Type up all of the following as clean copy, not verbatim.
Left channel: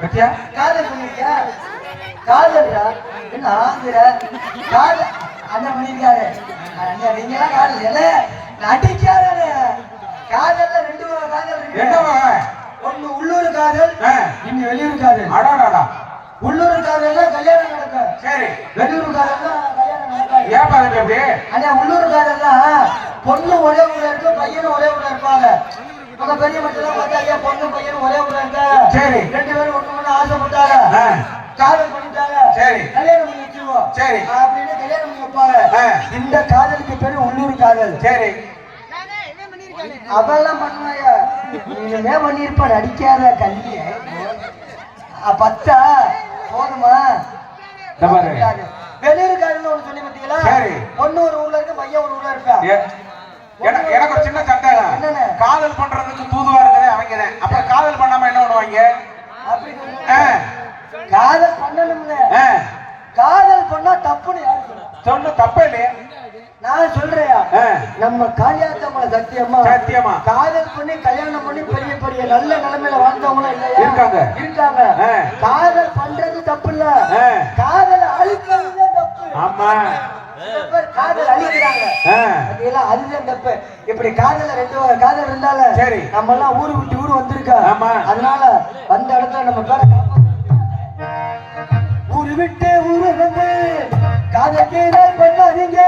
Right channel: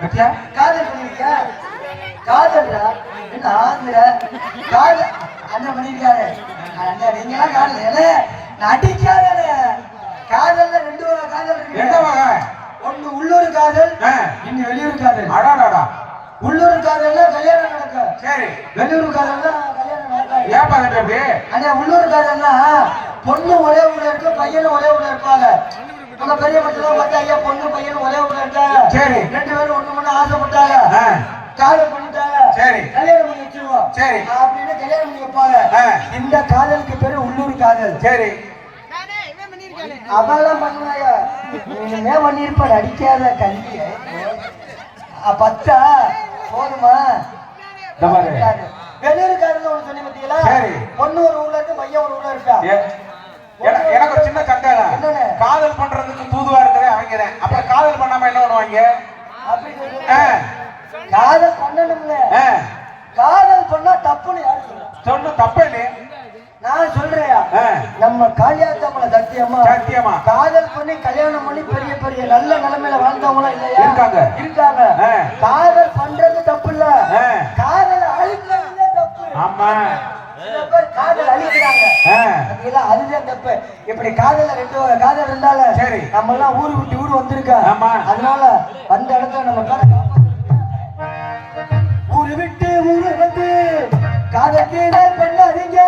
பத்தியா காதல் பண்ணிருக்கியா? காதல்டா என்ன ஆகுற? காதல் அண்ணன் பண்ணிருக்காரு. நீங்க காதல் அடிக்காத காதல்ல ரெண்டு வகை காதல் இருக்கு. எந்த வகை? ஒண்ணு உள்ளூர் காதல், இன்னும் வெளியூர் காதல். அடாடாடா. உள்ளூர் காதல்னா கல்யாணம் நடக்கும். சரி. வெளியூர் காதல்னா கல்யாணம் நடக்காது. ஏன் பாருங்க அப்படி? அண்ணா உள்ளூர் காதல்னா பொண்ணு ஒரே ஊர்ல இருக்கு, பையனும் ஒரே ஊர்ல இருப்பாங்க. நம்ம பெரிய மட்டும் பார்த்தா ஐயா பொண்ணு பையனும் ஒரே ஊர்ல இருக்காங்க. சரி. ரெண்டு பேரும் ஒண்ணு ஒண்ணு ஆசைப்பட்டாங்க, காதல் பண்ணிட்டாங்க. சரி. கல்யாணம் பண்ணி வச்சிருவோம். சரி. அப்படின்னு கல்யாணம் பண்ணி வைப்பாங்க. இந்த காதலுக்கு பேரு உள்ளூர் காதல். சரி. அவெல்லாம் பண்ணுவாயா? நீங்க பண்ணிருப்பாரு அடிக்காத கல்விய பத்தா போதுமா? வெளியூர் காதல் ஒண்ணு சொல்லி பார்த்தீங்களா? பொண்ணு ஒரு ஊர்ல இருக்கு, பையன் ஒரு ஊர்ல இருக்கா. எனக்கு ஒரு சின்ன சண்டை. காதல் பண்றதுக்கு தூதுவா இருக்கிறேன் அவங்க. அப்ப காதல் பண்ணாம என்ன பண்ணுவாங்க? அப்படி காதல் பண்ணணும்ல. காதல் பண்ணா தப்புன்னு யாரு சொன்ன? தப்பே இல்லையே. நான் சொல்றேன், நம்ம காளியாத்தம்மள சத்தியமா காதல் பண்ணி கல்யாணம் பண்ணி பெரிய பெரிய நல்ல நிலைமையில வாழ்ந்தவங்களும் இல்லையா? இருக்காங்க. காதல் பண்றது தப்பு இல்ல, காதல் அழிக்கிறது தப்பு. ஆமா, காதல் அழிக்கிறாங்க, அதுதான் தப்பு. இப்படி காதல ரெண்டு காதல் இருந்தால நம்ம எல்லாம் ஊரு விட்டு ஊரு வந்திருக்கா. அதனால அந்த இடத்துல நம்ம ஊரு விட்டு ஊரு வந்து காதல் கீழல் பண்ணாதீங்க.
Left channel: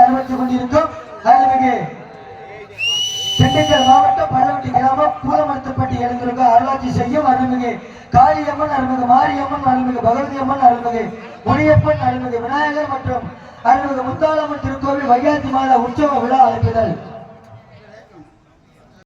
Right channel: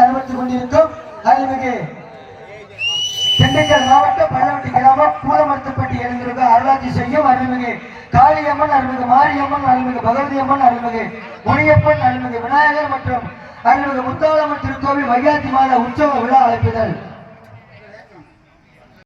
அனுமதித்துக் கொண்டிருக்கும் அருள்மிகு திண்டுக்கல் மாவட்டம் பள்ளவட்டி கிராமம் பூலமரத்துப்பட்டி எழுந்திருக்க அருளாட்சி செய்யும் அருள்மிகு காளியம்மன், அருள்மிகு மாரியம்மன், அருள்மிகு பகவதி அம்மன், அருள்மிகு முனியப்பன், அருள்மிகு விநாயகர் மற்றும் அருள்மிகு முத்தாளம்மன் திருக்கோவில் வைகாசி மாத உற்சவ விழா அழைப்பிதழ்